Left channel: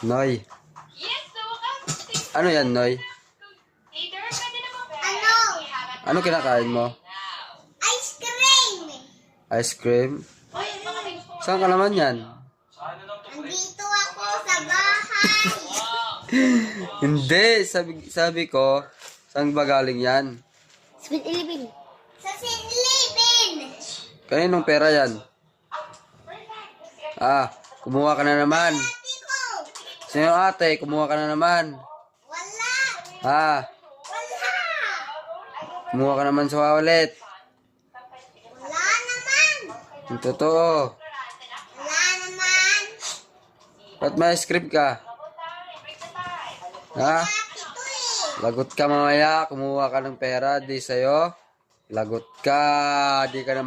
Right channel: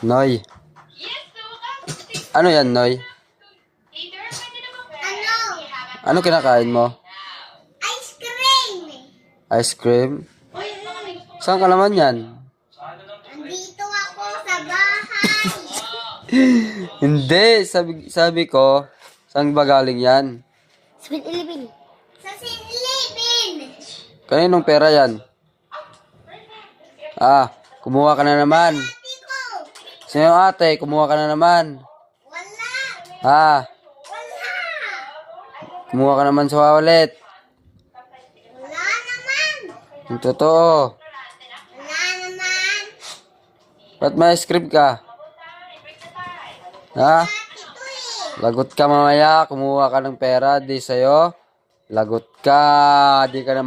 Noy. Ano yan, Noy? Ano? Ano kinakain mo? Ice cream. Ice cream? Saan ka naman yan? Nandito ako sa bahay. Hindi, sabi ko, saan ba galing yan? Sa 7-Eleven. Sa 7-Eleven. Kaninong pera yan? Kumuha ka na naman. Ate ko. Sino ate? Kumuha ka na naman. Wala. Wala. Wala. Kumuha ka naman sa wallet. Wala naman. Yung totoo. Wala naman. Ba't may script ka? Ha? Ate ko eh. Lagot ka mamaya. Kumuha ka ng pera. Di sa'yo. Lagot ka. Di ka na